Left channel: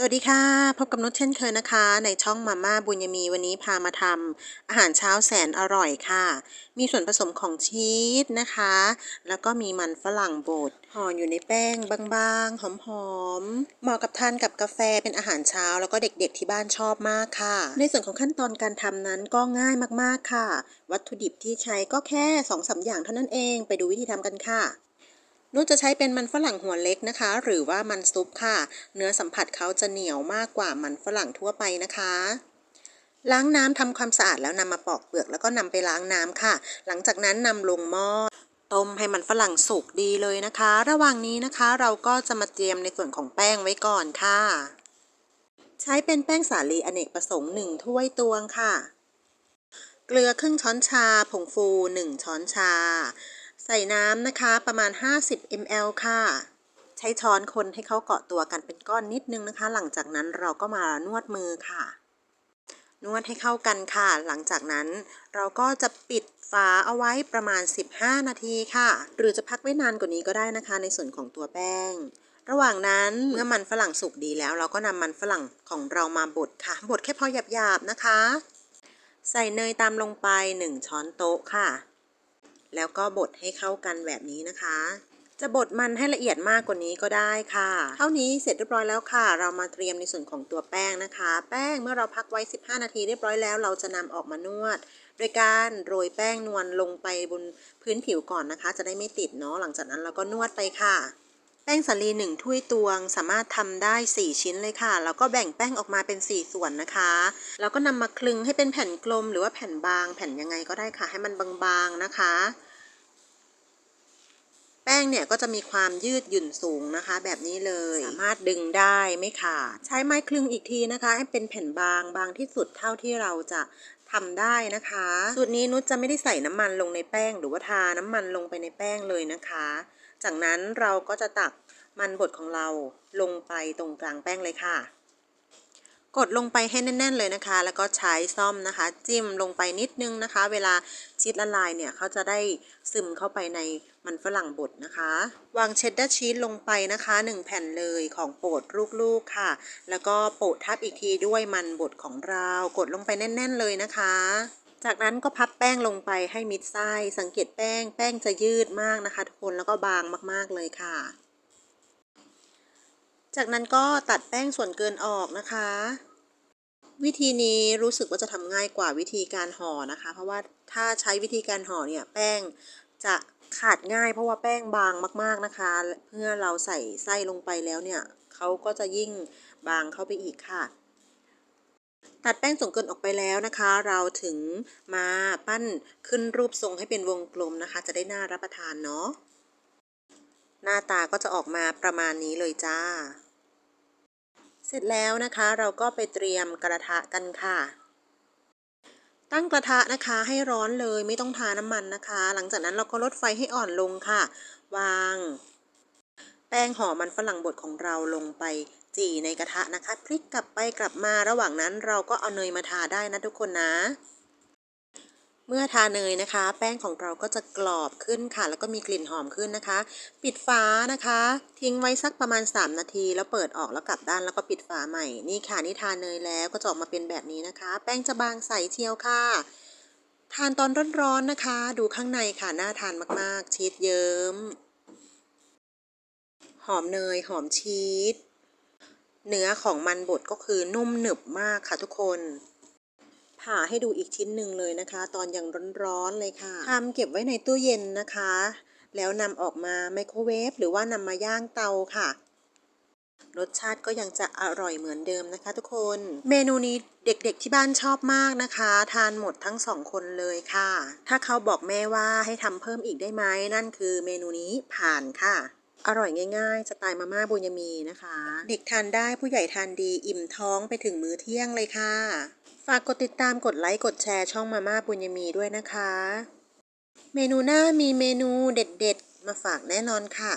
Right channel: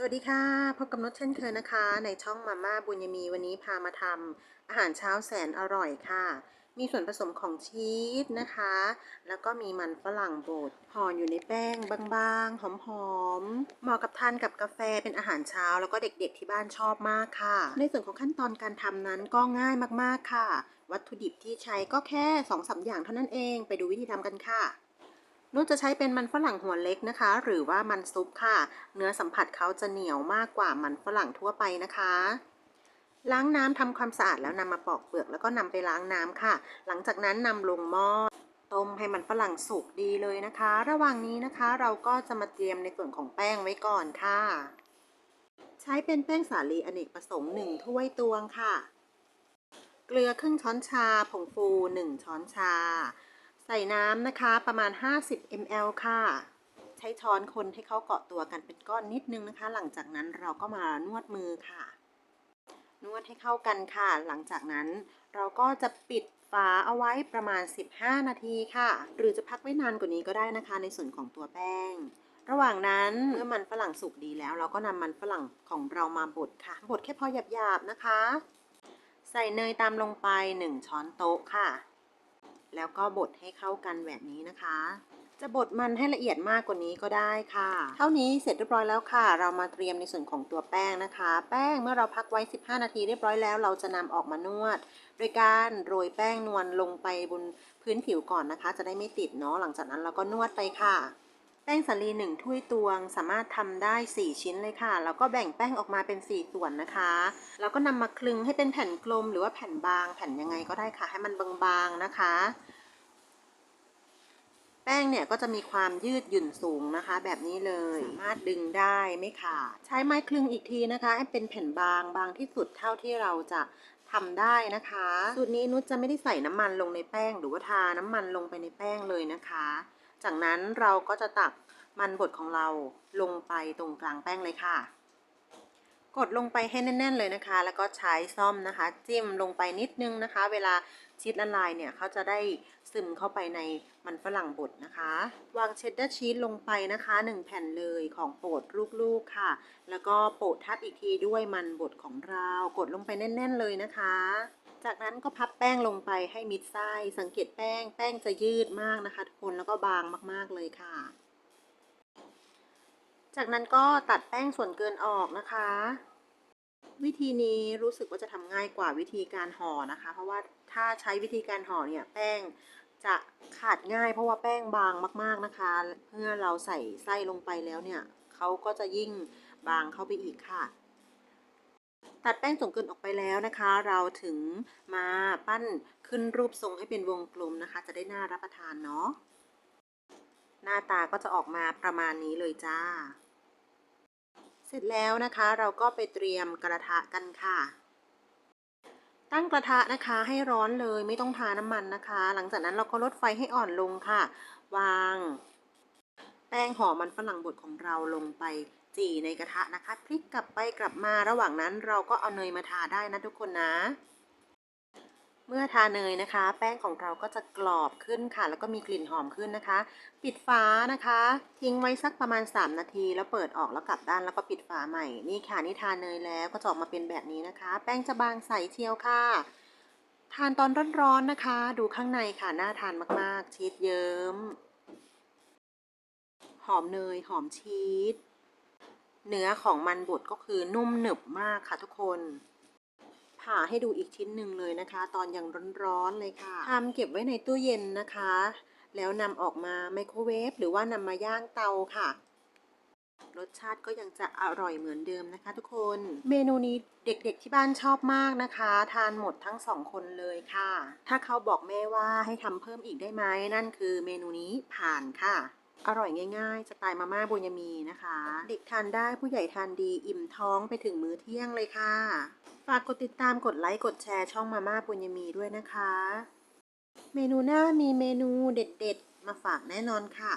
สวัสดีค่ะ พบกับนุชเช่นเคยนะคะ ในช่องมาม่าบุญยมีวันนี้พามาทำอาหารเช้าแสนอร่อยค่ะ มีส่วนผสมของชีสนะคะ แล้วก็มีมันฝรั่งบดห่ออยู่ในแป้งบางๆ หอมๆ เหมาะกับทานกับกาแฟเป็นอาหารเช้า แล้วก็เด็กๆที่บ้านชอบมากค่ะ ในส่วนของขั้นตอนการทำนั้นก็ง่ายมากๆค่ะ วัตถุดิบที่ใช้ก็แค่2อสอย่างเท่านั้นเอง ไปดูวิธีทำกันค่ะ นุชจะใช้เป็นมันฝรั่งหัวเล็กนะคะ หรือว่ามันซุปค่ะ เนื้อสัมผัสเขาจะเหนียวมากกว่ามันฝรั่งทั่วไปนะคะล้างน้ำทำความสะอาดแล้วนำมาปอกเปลือกแล้วก็นำไปล้างน้ำค่ะ หลังจากนั้นนำลงหม้อต้มให้มันฝรั่งสุกดีเลยนะคะ ระหว่างนี้นะคะเราก็จะมาเตรียมในส่วนของแป้งไว้ก่อนค่ะ ใช้เป็นแป้งสาลีอเนกประสงค์1ถ้วยตวงค่ะ เกลือครึ่งช้อนชา ผงฟู 1 ช้อนชา ใส่น้ำนะคะประมาณ 50 ml ค่ะ ใช้ช้อนคนให้เขาเกาะตัวกันเป็นก้อนนิดนึงนะคะ หลังจากนั้นเราก็มานวดมือค่ะ นวดให้เข้ากันค่ะ หลังจากนั้นเราก็จะปิดฝาเอาไว้ประมาณ 15 นาทีค่ะ หรือจะพักไว้นานกว่านี้ก็ได้นะคะ ในส่วนของตัวแป้ง ระหว่างนั้นเมื่อมันฝรั่งสุกดีแล้ว เราก็นำมันฝรั่งของเรามาบดค่ะ บดแค่พอหยาบๆนะคะ ใส่เนยตามลงไป 1 ช้อนโต๊ะค่ะ แล้วก็บดให้เข้ากันแบบนี้นะคะ จะบดมันให้ละเอียดมากกว่านี้ก็ได้ค่ะ เท่านี้เสร็จเรียบร้อยแล้วค่ะ เรามาเตรียมในส่วนของตัวแป้งนะคะ แป้งเมื่อเราพักไว้ 15 นาทีเรียบร้อยแล้ว เราจะนำออกมานวด โดยการโรยแป้งนวลลงไปบนพื้นผิวก่อนนะคะ จะได้ไม่ติดเนาะหลังจากนั้นเราก็นวดไปค่ะ แป้งสาลี1ถ้วยตวง สามารถทำได้ 4 ชิ้นเลยค่ะ แล้วก็แบ่งแป้งออกมาเป็น 4 ส่วนนะคะ แล้วก็นำมาคลึงให้เป็นแผ่นกลมหรือว่าแผ่นบาง แผ่นยังไงก็ได้ค่ะ ให้มันบางๆนะคะ แป้งเนี่ยก็จะมีความยืดหยุ่นสูงนะคะ แบบนี้เลย สามารถดึงได้ไม่ขาด ใช้ไม้คลึงอีกทีนะคะให้เป็นแผ่นบางบางที่สุดเท่าที่เราจะทำได้นะคะ สูตรนี้นุชจะไม่ได้ใส่น้ำมันลงในแป้ง หรือว่าทาน้ำมันลงไปในแป้งเลยนะคะ จากนั้นเราก็จะตักมันบดของเราลงไปตรงกลางแป้งเลยค่ะ กดลงไปให้แน่น ๆ เลยนะคะ แล้วก็ใช้ซ่อมนะคะ จิ้มลงไปนิดนึงนะคะ เวลาชีสละลายเนี่ยเขาจะได้ซึมเข้าไปในมันฝรั่งบดนะคะ วางเชดดาร์ชีสลงไปนะคะ 1 แผ่นเลยของโปรดลูกๆค่ะ แล้วก็โปะทับอีกทีด้วยมันบดของเรา กดลงไปแน่น ๆ เลยนะคะ จากนั้นก็พับแป้งลงไปให้มิดไส้สังเกตแป้ง แป้งจะยืดมากนะคะทุกคนแล้วก็บางมากๆเลยค่ะ จากนั้นก็ตัดแป้งส่วนเกินออกนะคะ วิธีนี้รู้สึกว่าจะทำง่ายกว่าวิธีการห่อนะคะ เพราะว่าถ้าใช้วิธีการห่อเนี่ยแป้งจะขาดง่าย เพราะว่าแป้งบางมาก ๆนะคะ เมื่อเราใส่ไส้ลงไปแล้วเนี่ยเขาก็จะยิ่งบางเข้าไปอีกค่ะ ตัดแป้งส่วนเกินออกไปแล้วนะคะ เราถึงมาปั้นขึ้นรูปทรงให้เป็นวงกลมนะคะ จะได้น่ารับประทานเนาะหน้าตาก็จะออกมาประมาณนี้เลยจ้า เสร็จแล้วนะคะเราก็ไปเตรียมกระทะกันค่ะ ตั้งกระทะนะคะให้ร้อนเลยไม่ต้องทาน้ำมันนะคะ หลังจากนั้นเราก็ลดไฟให้อ่อนลงค่ะ วาง แป้งห่อมันฝรั่งบดของเราลงไป จี่ในกระทะนะคะ พลิกกลับไปกลับมาระหว่างนั้นเราก็เอาเนยมาทาได้นะทุกคนนะ เมื่อทาเนยนะคะ แป้งของเราก็จะกรอบขึ้นค่ะ แล้วก็มีกลิ่นหอมขึ้นนะคะ ปิดฝานะคะ ทิ้งไว้สักประมาณ 3 นาที แล้วเปิดออกแล้วกลับด้านแล้วก็ปิดฝาใหม่นี่ค่ะนี่ทาเนยแล้วก็จะออกมาเป็นแบบนี้นะคะ แป้งจะบางใสเชียวค่ะทานตอนร้อนๆนะคะ ดูข้างในค่ะ น่าทานมากๆ ชีสเยิ้ม หอมเนย หอมชีส เนื้อของมันบดก็คือนุ่มหนึบมากค่ะทุกคน ผ่าให้ดูอีกชิ้นหนึ่งเลยนะคะ ตอนยังร้อนๆเลยค่ะทำเก็บไว้ในตู้เย็นนะคะ แล้วนำออกมาไมโครเวฟหรือว่านำมาย่างเตาค่ะรสชาติก็ยังจะอร่อยเหมือนเดิมนะคะทุกคน เมนูนี้เด็กๆที่บ้านชอบมากนะคะ ทานหมดทั้งสองคนเลยค่ะ ถ้าเขาบอกแม่ว่าให้ทำเพิ่มอีกได้ไหมนั่นคือเมนูนี้ผ่านค่ะ อร่อยง่ายๆ สไตล์มาม่าบุญยมีนะคะ เด็กทานได้ผู้ใหญ่ทานดีอิ่มท้องไปถึงมื้อเที่ยงเลยค่ะ ฝากกดติดตามกดไลค์กดแชร์ช่องมาม่าบุญยมีด้วยนะคะ เมนูหน้ามีเมนูเด็ดๆ มาฝากแน่นอนค่ะ